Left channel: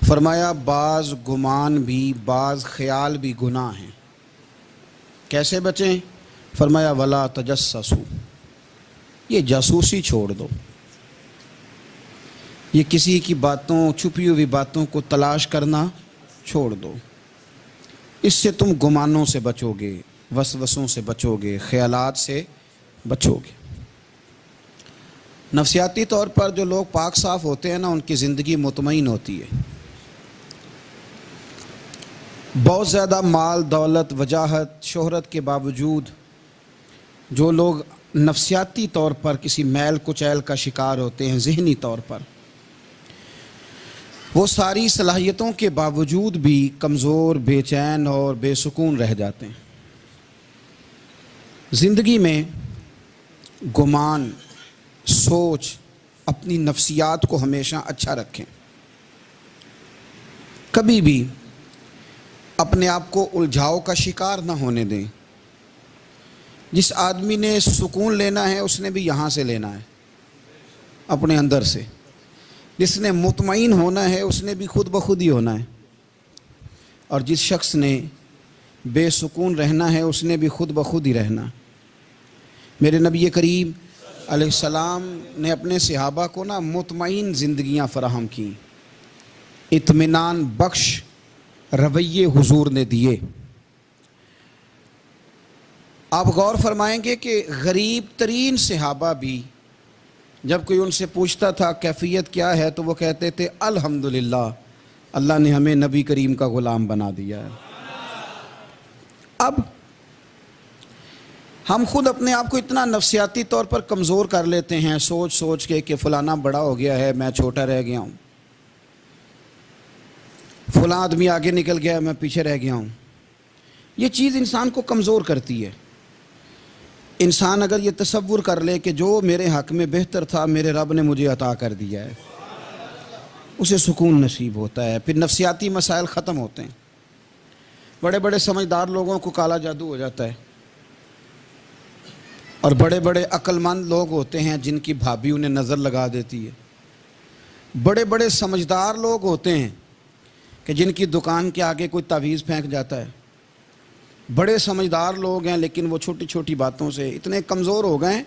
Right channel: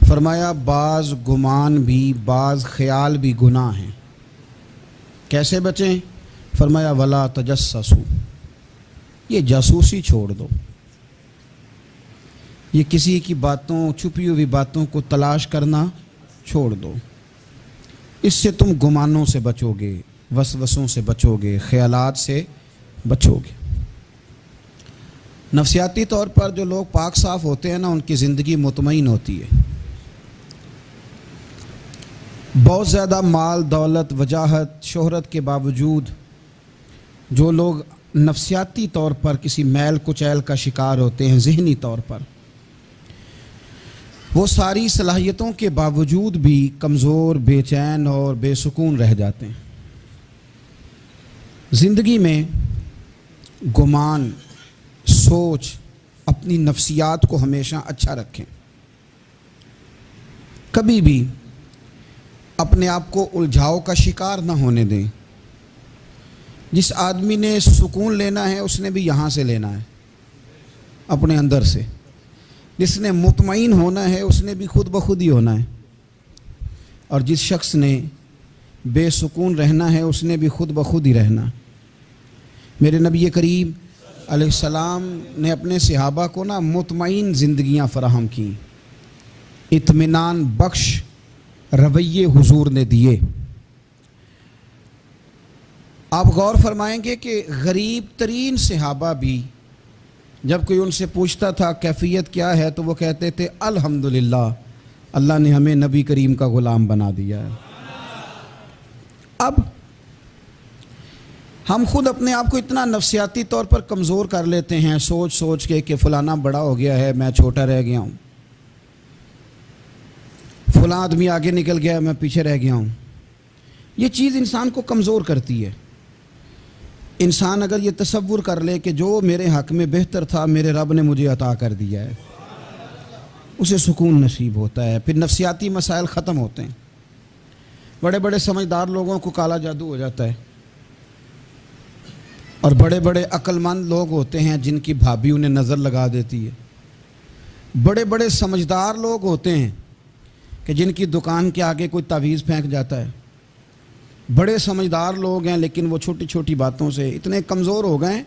فرمایا بعض گمان بھی بعض خیال بھی گناہ ہیں، کیسے بچیں؟ فرمایا ولا تجسسوا، یہ جاسوسی چھوڑ دو، یہ کسی کی باتوں، چھپی ہوئی باتوں کو تلاش کرنا چھوڑ دو، اس سے تم گمانوں سے بچو گے، وسوسوں سے بچو گے، خیالات سے بچو گے۔ نفسیاتی طور پر جو لوگ پاک صاف ہوتے ہیں نا، ان کی زندگی مطمئن ہوتی ہے۔ بہت زیادہ مال، دولت، وجاہت، شہرت کے باوجود جو لوگ نفسیاتی طور پر کسی میل کچیل کا شکار ہوتے ہیں، ذہنی طور پر، وہ ساری صلاحیتوں کے باوجود بھی کمزور، بے چین اور بے سکون رہ جاتے ہیں۔ زندگی میں گمان، سوچ، اپنی نفسیات کو ہمیشہ اچھا رکھیں، کبھی بھی اپنے آپ کو الجھاؤ کا شکار نہ ہونے دیں۔ جس آدمی نے سکون لینا ہے اس نے بھی یہاں سے لینا ہے، اپنے اندر سے۔ جس نے مطمئن ہونا ہے اس نے بھی خود بخود ہی ہونا ہے، اور جس شخص نے بے سکون رہنا ہے اس نے بھی خود بخود ہی رہنا۔ میرے نبی کریم علیہ السلام نے اپنے صحابہ کو مطمئن زندگیاں فراہم کیں، اطمینان بخش رویے حضور نے دیے۔ آپ غور فرمائیں گے کہ غریب ترین صحابہ بھی جب کوئی ان سے پوچھتا تھا کیفیت کیا ہے تو وہ کہتے تھے الحمدللہ، اللہ نے ہمیں نبی کریم کا غلام بنا دیا ہے۔ اب ہم خود اپنے آپ کو اتنا نفسیاتی طور پر کمزور کر لیتے ہیں، سوچ سوچ کے کہ فلانا بڑا ہو گیا ہے، میں چھوٹا رہ گیا ہوں، فلاں آدمی آگے نکل گیا ہے، میں پیچھے رہ گیا ہوں۔ یہ چیز انسان کو کمزور کرتی ہے۔ انسان اگر یہ تصور کر لے کہ جو میرے حق میں بہتر تھا میرے رب نے مجھے عطا کر دیا ہے، اسے سکون نصیب ہوتا ہے، پھر نفسیاتی مسائل ختم ہوتے ہیں۔ بڑے بڑے سمجھدار لوگوں کو کالا جادو ہو جاتا ہے، اور بڑے بڑے عقل مند لوگ ہوتے ہیں جن کی بھابھی انہیں نظر لگا دیتی ہے۔ بڑے بڑے سمجھدار لوگ ہوتے ہیں کہ جن کی دکان کے آگے کوئی تعویذ پھینک جاتا ہے۔ بڑے سمجھدار لوگ ہیں لیکن وہ چھوٹی چھوٹی باتوں سے اتنے کمزور ہو گئے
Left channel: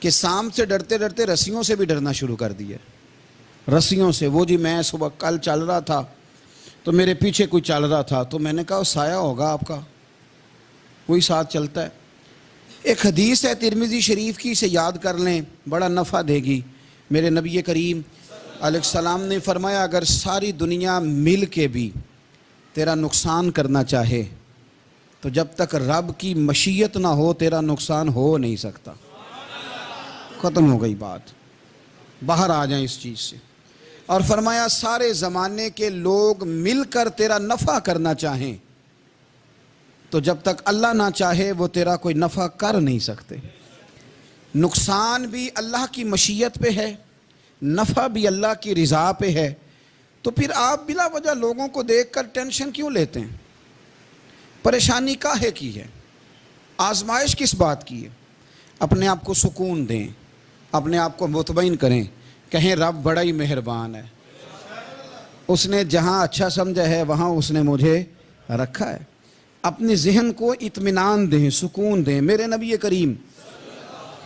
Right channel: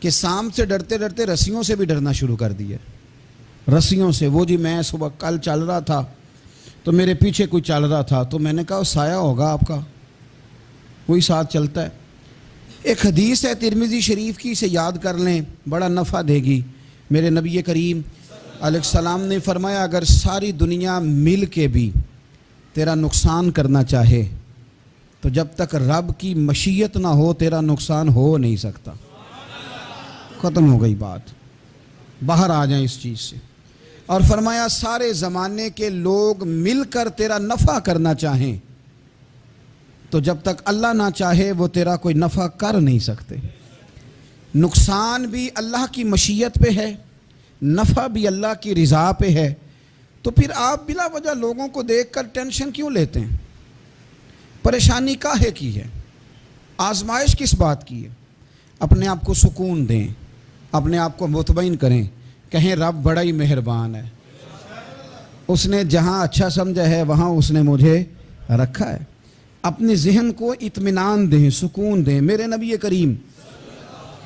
کہ سانپ سے ڈرتے ڈرتے رسیوں سے بھی ڈرنا شروع کر دیا۔ رسیوں سے، وہ جی میں صبح کل چل رہا تھا تو میرے پیچھے کوئی چل رہا تھا تو میں نے کہا سایہ ہوگا آپ کا، وہی ساتھ چلتا ہے۔ ایک حدیث ہے ترمذی شریف کی، اسے یاد کر لیں، بڑا نفع دے گی۔ میرے نبی کریم علیہ السلام نے فرمایا اگر ساری دنیا مل کے بھی تیرا نقصان کرنا چاہے تو جب تک رب کی مشیت نہ ہو تیرا نقصان ہو نہیں سکتا۔ ختم ہو گئی بات، باہر آ جائیں اس چیز سے۔ اور فرمایا سارے زمانے کے لوگ مل کر تیرا نفع کرنا چاہیں تو جب تک اللہ نہ چاہے وہ تیرا کوئی نفع کر نہیں سکتے۔ نقصان بھی اللہ کی مشیت پہ ہے، نفع بھی اللہ کی رضا پہ ہے، تو پھر آپ بلا وجہ لوگوں کو دیکھ کر ٹینشن کیوں لیتے ہیں؟ پریشانی کاہے کی ہے؟ آزمائش کس بات کی ہے؟ اپنے آپ کو سکون دیں، اپنے آپ کو مطمئن کریں، کہیں رب بڑا ہی مہربان ہے، اس نے جہاں اچھا سمجھا ہے وہاں اس نے مجھے رکھا ہے۔ اپنے ذہن کو اطمینان دیں، سکون دیں۔ میرے نبی کریم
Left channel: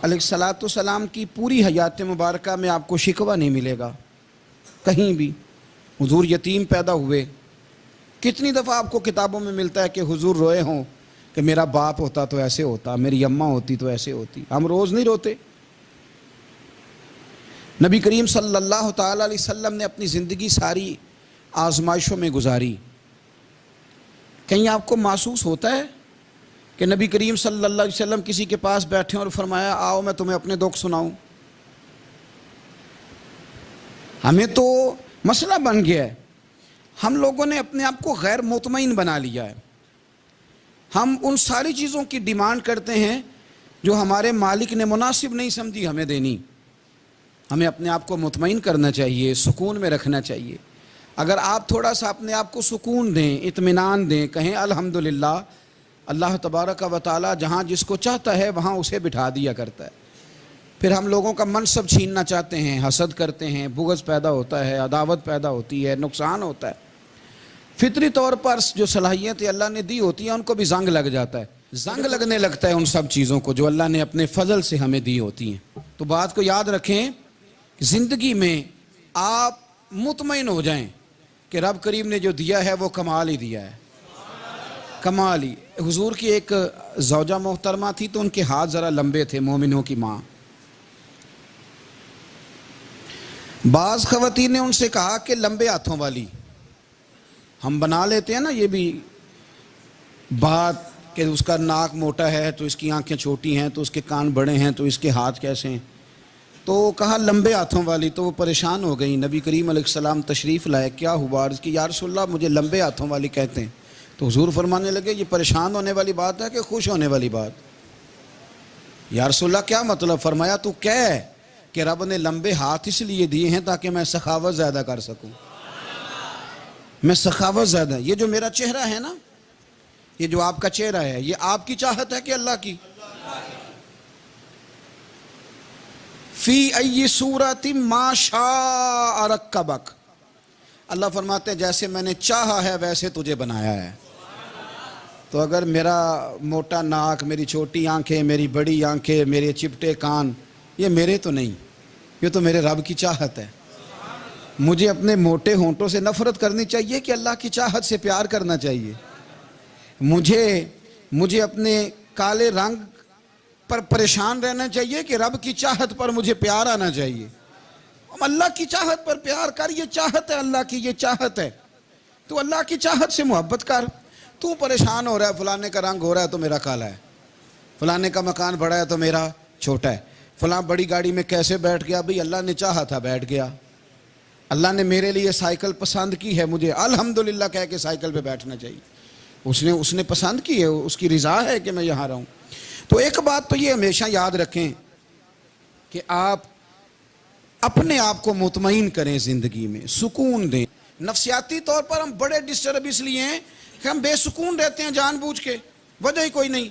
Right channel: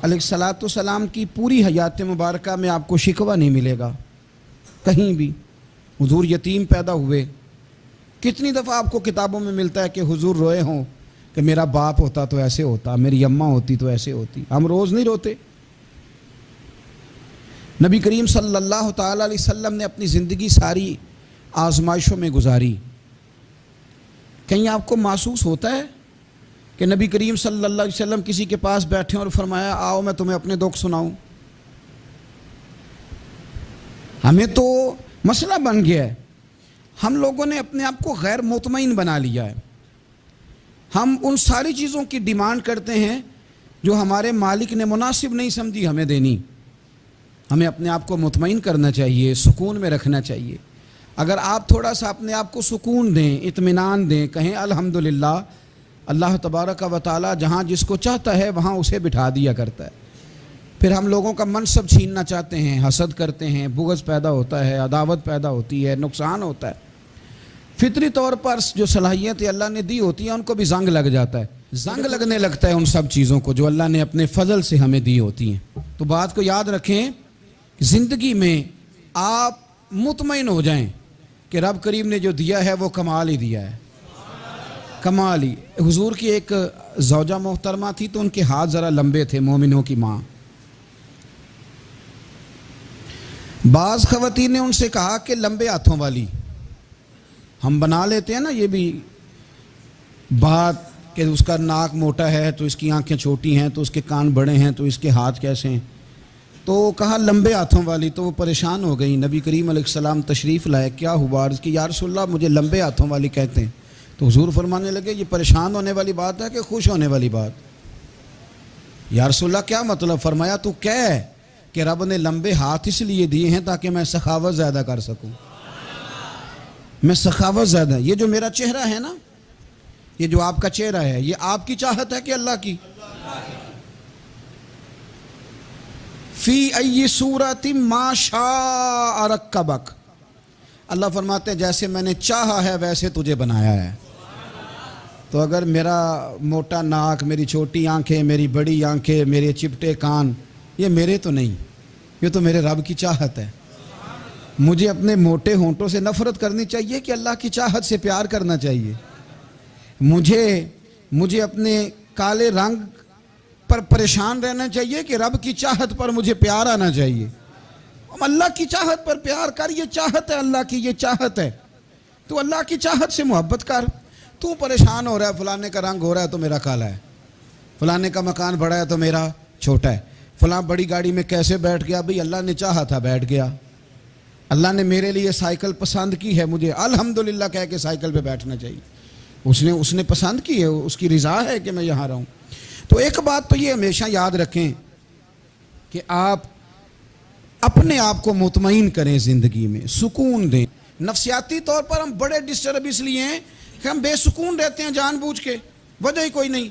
علیہ السلام کی پوری حیات مبارکہ میں آپ کو شکوہ نہیں ملے گا کہیں بھی۔ حضور یتیم پیدا ہوئے، کتنی دفعہ آپ کو کتابوں میں ملتا ہے کہ حضور روئے ہوں کہ میرا باپ ہوتا تو ایسے ہوتا، میری اماں ہوتی تو ایسے ہوتی۔ ہم روز نہیں روتے۔ نبی کریم صلی اللہ تعالیٰ علیہ وسلم نے اپنی زندگی ساری آزمائشوں میں گزاری۔ کہیں آپ کو محسوس ہوتا ہے کہ نبی کریم صلی اللہ علیہ وسلم کسی کے پاس بیٹھے اور فرمایا آؤ میں تمہیں اپنے دکھ سناؤں؟ ہمیں تو مسئلہ بن گیا ہے، ہم لوگوں نے اپنے آپ کو غیر مطمئن بنا لیا ہے۔ ہم ان ساری چیزوں کی ڈیمانڈ کرتے ہیں جو ہمارے مالک نے مناسب نہیں سمجھی ہمیں دینی۔ ہمیں اپنے آپ کو مطمئن کرنا چاہیے، سکون میں رکھنا چاہیے۔ اگر آپ تھوڑا سا اپنے آپ کو سکون دیں، اطمینان دیں، کہیں الحمدللہ اللہ تبارک و تعالی جہاں جس کو چاہتا ہے وہاں اسے بٹھا دیا کرتا ہے. پھر ہم لوگوں کا منصب چھیننا چاہتے ہیں، حسد کرتے ہیں، بغض پیدا ہوتا ہے، عداوت پیدا ہوتی ہے، نقصان ہوتا ہے. فطری طور پر جو صلاحیتیں اللہ نے دی ہوتی ہیں ان کو بھی زنگ لگ جاتا ہے، زنگ لگنے لگتا ہے ان سب چیزوں کو جو اللہ نے اپنے فضل سے ہمیں دی ہوتی ہیں. تو بات کو یاد رکھیں کہ زندگی میں آپ مطمئن ہو جائیں کہ رب کریم نے جو دیا ہے وہ کمال ہی دیا ہے، کمال ہی. حضور کی ایک زوجہ محترمہ تھی تو ان کے ہاتھ ذرا لمبے تھے، مومنوں کی ماں. بعض خواتین نے ان سے کہا کہ لمبے ہاتھوں والی، ہم بنا لیتے ہیں نا یہ بھی بات کہ اس کا ناک موٹا ہے تو اس کی آنکھیں چھوٹی ہیں تو اس کے کان بڑے ہیں تو اس کے ہاتھ کیسے ہیں، تو کہا لمبے ہاتھوں والی. تو وہ پریشان ہو گئی. نبی کریم علیہ السلام تشریف لائے. کیا ہوا؟ عرض کی یا رسول اللہ مجھے لمبے ہاتھوں والی کہتے ہیں. تو حضور فرمانے لگے یہ پریشان ہونے والی بات ہے کہ خوش ہونے والی بات؟ یا رسول اللہ کیا مطلب؟ فرمایا تو کہہ کہ رب نے لمبے ہاتھ اس لیے دیے ہیں تاکہ میں سخاوت زیادہ کر سکوں. میں سخاوت زیادہ، یہ جو میرا چہرہ ہے نا، یہ جو آپ کا چہرہ ہے، یہ آپ کی چاہت ہے کہ اللہ کی؟ فی ای صورت ما شاء رکبک. اللہ فرماتے ہیں جیسے میں نے چاہا ہے ویسے تجھے بنایا ہے. تو اگر میرا موٹا ناک، میری چھوٹی آنکھیں، میری بڑی آنکھیں، میرے چپٹے کان، یہ میرے تو نہیں، یہ تو میرے رب کی چاہت ہے. مجھے اپنے موٹے ہونٹوں سے نفرت کرنی چاہیے کہ اللہ کی چاہت سے پیار کرنا چاہیے؟ مجھے اپنے کالے رنگ پر پریشان رہنا چاہیے کہ رب کی چاہت پر مجھے پیار آنا چاہیے؟ اللہ کی چاہت پر پیار کر، یہ چاہت ہے اللہ کی، یہ چاہت ہے. تو اللہ کی چاہت سے محبت کر. تو پریشان ہو رہا ہے فلانے کا رنگ ہو رہا ہے تو میرا کالا ہے، فلانے کا مکان بڑا ہے تو میرا چھوٹا ہے، فلاں بڑی گاڑی میں کیسے بیٹھ گیا؟ بھئی اللہ نے چاہا تھا بیٹھ گیا. اللہ نے میرے لیے سائیکل پسند کی ہے، مجھے الحمدللہ کہہ کے سائیکل پہ بیٹھنا چاہیے. اس نے پسند کی ہے، اس کی رضا ہے کہ میں یہاں رہوں. تو ایک بات تو یہ ہمیشہ یاد رکھیں کہ آپ اپنے آپ کو مطمئن کریں، زندگی میں سکون دیں. نفسیاتی طور پر ہم بڑے ڈسٹرب اس لیے ہیں کہ ہم بے سکون رہتے ہیں جان بوجھ کے، وجہ ہی کوئی نہیں.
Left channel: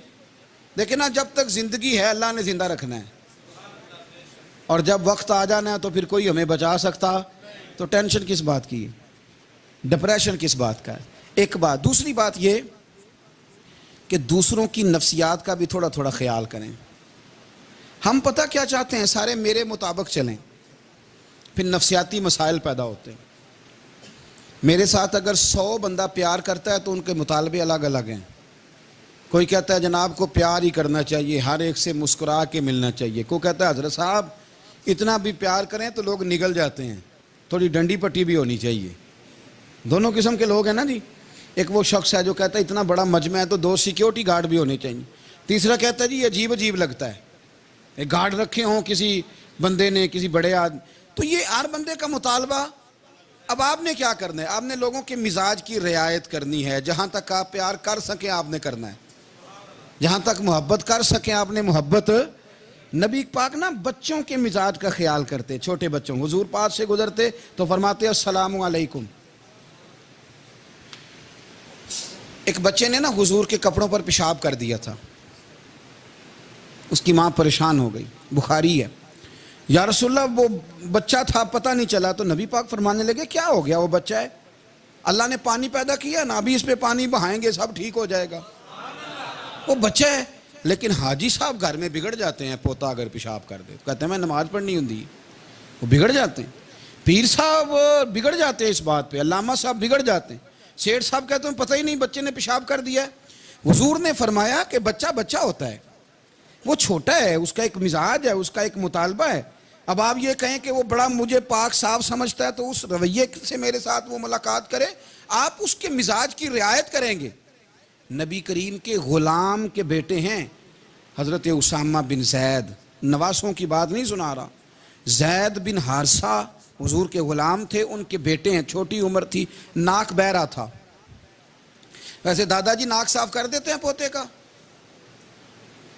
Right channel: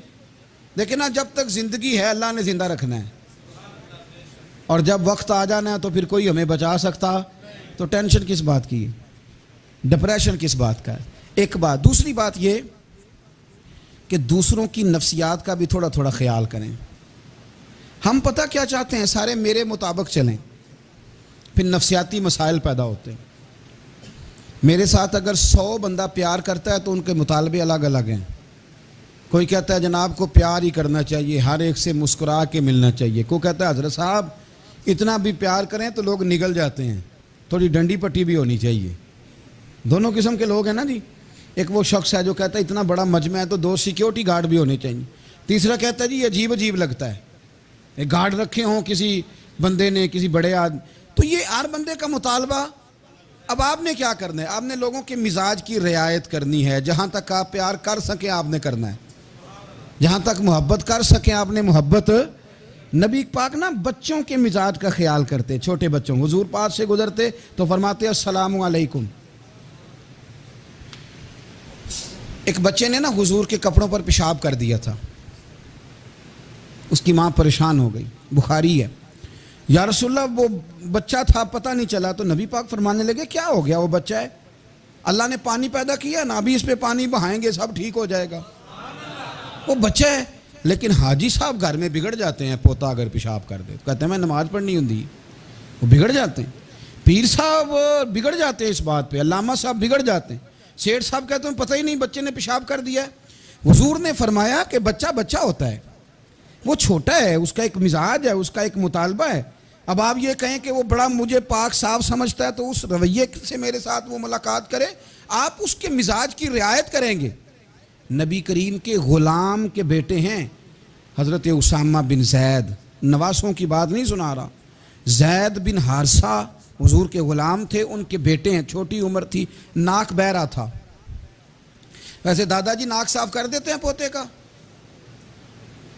لیکن جب تک زندگی ہے اللہ نے زندہ رکھنا ہے، اور جب وقت آ جانا ہے تو پھر کوئی ہمیں بچا سکتا. تو ٹینشن کس بات کی ہے؟ ڈپریشن کس بات کا ہے؟ ایک بات. دوسری بات یہ کہ دوسروں کی نفسیات کا بھی تھوڑا تھوڑا خیال کریں. ہم پتہ کیا چاہتے ہیں؟ سارے میرے مطابق چلیں، پھر نفسیاتی مسائل پیدا ہوتے ہیں. میرے ساتھ اگر 100 بندہ پیار کرتا ہے تو ان کے مطالبے الگ الگ ہیں. کوئی کہتا ہے جناب کو پیار ہی کرنا چاہیے، ہر ایک سے مسکرا کے ملنا چاہیے. کوئی کہتا ہے حضرت صاحب اتنا بھی پیار کریں تو لوگ نگل جاتے ہیں، تھوڑی ڈنڈی پٹی بھی ہونی چاہیے. دونوں قسم کے لوگ ہیں نا جی. ایک وہ شخص ہے جو کہتا ہے اتنا بڑا مجمع ہے تو 2 سیکیورٹی گارڈ بھی ہونے چاہیے. تیسرا کہتا ہے جی یہ عجیب عجیب لگتا ہے، ایک گارڈ رکھے ہوں کسی بندے نے، کسی بڑے آدمی. تو یہ ہر بندے کا مطالبہ. اب آپ نے کیا کرنا ہے؟ آپ نے لوگوں کے مزاج کی رعایت کرنی ہے. جہاں تک آپ پیار کر سکیں آپ نے کرنا ہے، جہاں تک محبت کر سکیں آپ نے محبت. نبی پاک نا بچوں کے مزاج کا خیال کرتے، چھوٹے بچوں. حضور پاک سے گزرتے تو فرماتے السلام علیکم. ایک بچے نے نا حضور کے کپڑوں پر پیشاب کر دیا تھا، اس کی ماں پریشان ہو گئی. بخاری ہے. یا رسول اللہ وہ بچہ تھا پتہ نہیں چلا. تو نبی پاک فرمانے لگے کیا ہو گیا؟ وہ بچہ ہے، اللہ نے پانی پیدا کیا نا، ابھی اس پہ پانی بہائیں گے سب ٹھیک ہو جائے گا. وہ بچہ ہے. لیکن حاجی صاحب گھر میں بگڑ جاتے ہیں. پوتا اگر پیشاب کر دے کہتے ہیں میں نماز پڑھنی ہوں، وہ بگڑ جاتے ہیں. پیر صاحب بگڑ جاتے ہیں اس بات پہ، علامہ صاحب بگڑ جاتے ہیں. سیٹھ صاحب کہتے ہیں پتہ ہی نہیں بچے نے پیشاب کر دیا. حضور نے فرمایا کہ بچہ بچہ ہوتا ہے، وہ چھوٹا ہے، اس کا ایک مزاج ہے، اس کا ایک مطالبہ ہے. اب آپ یہ کہیں کہ وہ بڑا مجھے پاک صاف سمجھتا ہے تو اس رویے سے میرے ساتھ وہ ملاقات کرے. آپ اس کے مزاج کی رعایت کریں گے. نبی کریم کے غلام کے بیٹے ہیں حضرت اسامہ بن زید، نواسوں کی بات نہیں سنا رہا. زید بن حارثہ حضور کے غلام تھے، ان کے بیٹے ہیں. چھوٹی عمر تھی، ناک بہ رہا تھا. ویسے دادا جی ناک صاف کر دیتے ہیں پوتے کا؟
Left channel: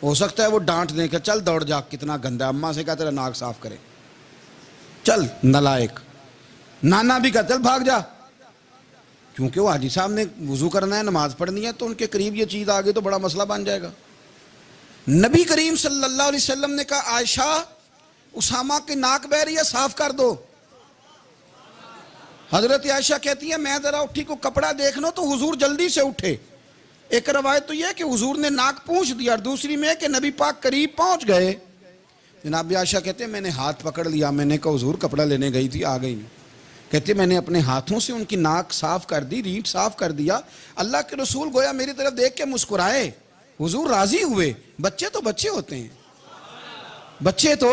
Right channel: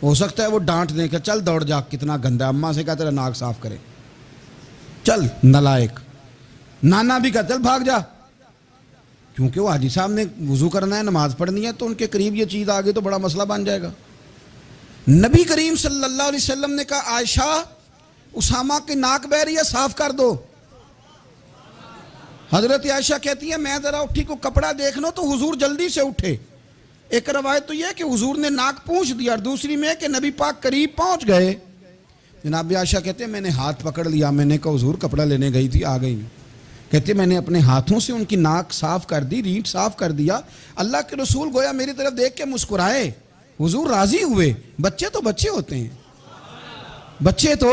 ہو سکتا ہے وہ ڈانٹ دیں کہ چل دوڑ جا کتنا گندا. اماں سے کہا تیرا ناک صاف کرے، چل نالائق. نانا بھی کہا چل بھاگ جا. کیونکہ وہ حاجی صاحب نے وضو کرنا ہے، نماز پڑھنی ہے، تو ان کے قریب یہ چیز آ گئی تو بڑا مسئلہ بن جائے گا۔ نبی کریم صلی اللہ علیہ وسلم نے کہا عائشہ اسامہ کی ناک بہ رہی ہے، صاف کر دو۔ حضرت عائشہ کہتی ہے میں ذرا اٹھی کو کپڑا دیکھ لوں تو حضور جلدی سے اٹھے۔ ایک روایت تو یہ کہ حضور نے ناک پونچھ دیا، اور دوسری میں کہ نبی پاک قریب پہنچ گئے۔ جناب عائشہ کہتے ہیں میں نے ہاتھ پکڑ لیا، میں نے کہا حضور کپڑا لینے گئی تھی آ گئی نہیں۔ کہتے ہیں میں نے اپنے ہاتھوں سے ان کی ناک صاف کر دی، ریٹ صاف کر دیا۔ اللہ کے رسول گویا میری طرف دیکھ کے مسکرائے، حضور راضی ہوئے۔ بچے تو بچے ہوتے ہیں، بچے تو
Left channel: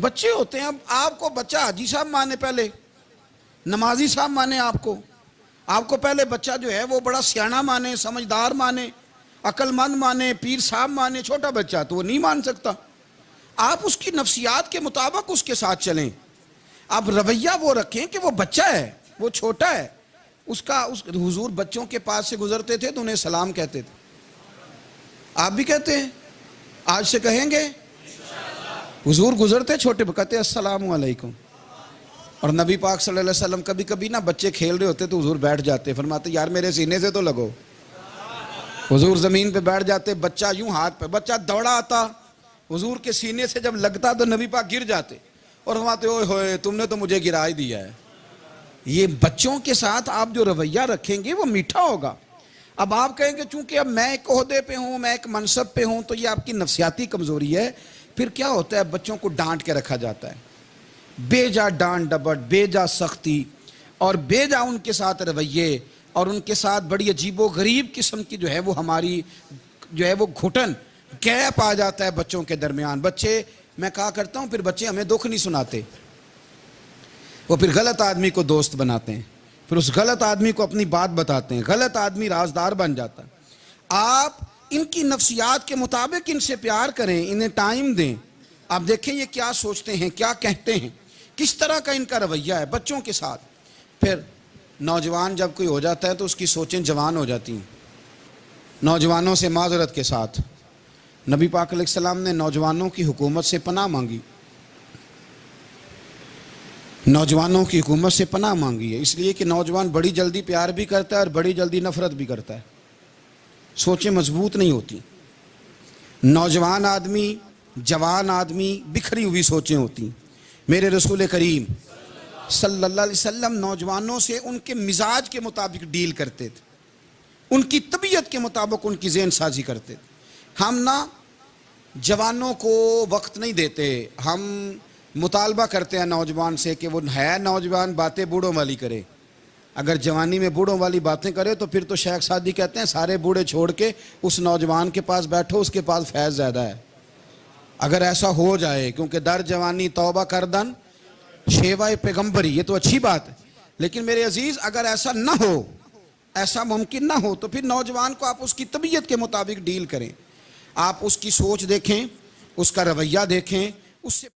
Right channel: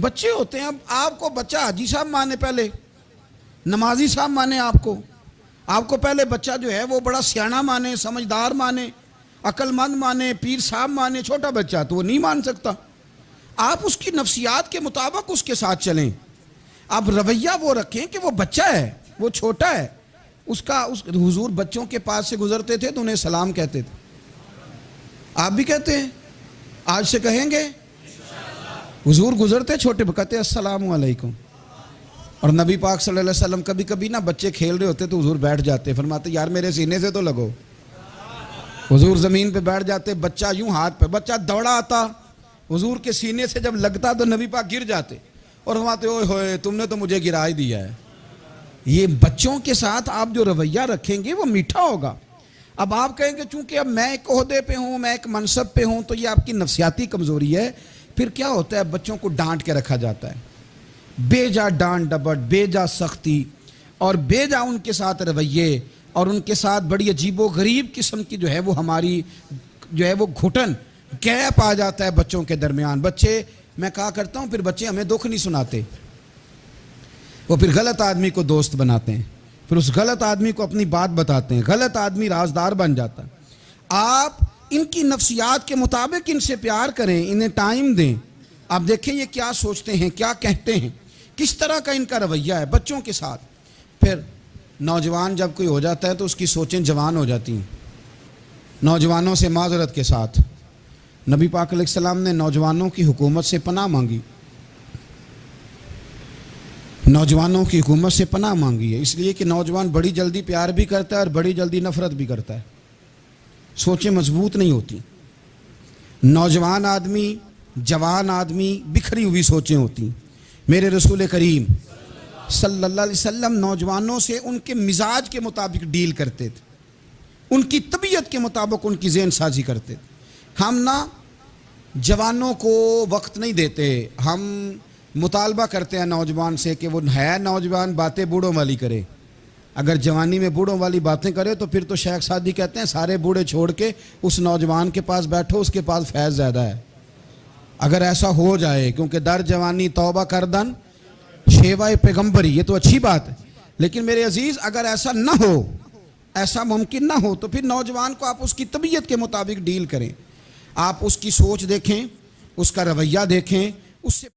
بچے ہوتے ہیں۔ اب آپ کو بچہ حاجی صاحب مانے، پہلے نمازی صاحب مانے، آپ کو پہلے بچہ جو ہے وہ بڑا سیاںہ مانے، سمجھدار مانے، عقل مند مانے، پیر صاحب مانے۔ چھوٹا بچہ تو وہ نہیں مان سکتا۔ آپ اس کی نفسیات کے مطابق اس کے ساتھ چلیں۔ اب رویہ وہ رکھیں کہ وہ بچہ ہے، وہ چھوٹا ہے۔ حضور بچوں کے پاس سے گزرتے تھے تو انہیں سلام کہتے تھے۔ آپ بھی کہتے ہیں؟ آج سے کہیں گے؟ حضور گزرتے چھوٹے کہتے السلام علیکم۔ اور نبی پاک صلی اللہ علیہ وسلم کبھی کبھی نا بچے کھیل رہے ہوتے تو حضور بیٹھ جاتے، فرماتے یار میرے سینے سے تو لگو۔ حضور زمین پہ بیٹھ جاتے، بچہ یوں ہاتھ پہ، بچہ دوڑا آتا، حضور کے سینے سے جب لگتا تو نبی پاک گر جاتے اور فرماتے اوئے ہوئے تم نے تو مجھے گرا ہی دیا ہے۔ یہ بچوں کے ساتھ آپ جو رویہ رکھیں گے وہ میٹھا ہوگا۔ اب آپ کہیں گے چونکہ اب میں ایک عہدے پہ ہوں، میں ایک منصب پہ ہوں، تو یہ آپ کی نفسیاتی کمزوری ہے۔ پھر کیا ہوتا ہے، بچوں کو ڈانٹ کے رکھا جاتا ہے، بے جا ڈانٹ ڈپٹ، بے جا سختی، اور بے جا ان کے ساتھ رویے، اور ان کے ساتھ بڑی عجیب و غریب قسم کی جو ہے وہ ہماری جو ہے وہ گھٹن گیپ آ جاتا ہے بچوں کے درمیان۔ بچے، میں کہا کرتا ہوں، پھر بچے ہمیں دکھ نہیں سناتے، وہ پھر غلط آدمی کو دوست بناتے ہیں، پھر اس غلط آدمی کو اپنی بات بتاتے ہیں، غلط آدمی رازدار بن جاتا ہے۔ آپ ان کی نفسیات کے مطابق ان سے پیار کریں، انہیں ٹائم دیں۔ آپ دیکھیں یہ کیا سوچتے ہیں، کیا کہتے ہیں، کس طرح کا ان کا رویہ ہے بچوں کے ساتھ۔ پھر نوجوان جب کوئی ہو جاتا ہے تو اس کی سوچیں جوان ہو جاتی ہیں۔ نوجوانوں سے معذرت کے ساتھ نبی پاک علیہ السلام نے نوجوانوں کی حکومت سے پناہ مانگی، نوجوانوں کی حکومت سے پناہ مانگی ہے، اس لیے کہ نوجوان بڑی جلدی پیار بھی کرتا ہے اور بڑی جلدی نفرت بھی کرتا ہے، سوچیں مضبوط نہیں ہوتی۔ نوجوان آدمی، جوان آدمی، بکھری ہوئی سوچیں ہوتی۔ میرے رسول کریم صلی اللہ علیہ وسلم نوجوانوں سے ان کے مزاج کے مطابق ڈیل کرتے تھے، ان کی طبیعت کے مطابق ان کی ذہن سازی کرتے تھے۔ ہم نا جوانوں کو وقت نہیں دیتے، ہم مطالبہ کرتے ہیں نوجوان سے کہ وہ ہے نوجوان باتیں بوڑھوں والی کرے۔ اگر جوانی میں بوڑھوں والی باتیں کرے تو پھر تو شیخ سعدی کہتے ہیں سارے بوڑھے چھوڑ کے اس نوجوان کے پاس بیٹھو، اس کے پاس فیض زیادہ ہے۔ اگر ایسا ہو جائے، کیونکہ در جوانی توبہ کردن شیوائے پیغمبری، یہ تو اچھی بات ہے، لیکن میرے عزیز اگر ایسا نہ ہو، ایسا ممکن نہ ہو، تو پھر نوجوان کو آپ اس کی طبیعت کے مطابق ڈیل کریں۔ آپ اس کی سوچ دیکھیں، اس کا رویہ دیکھیں، اس سے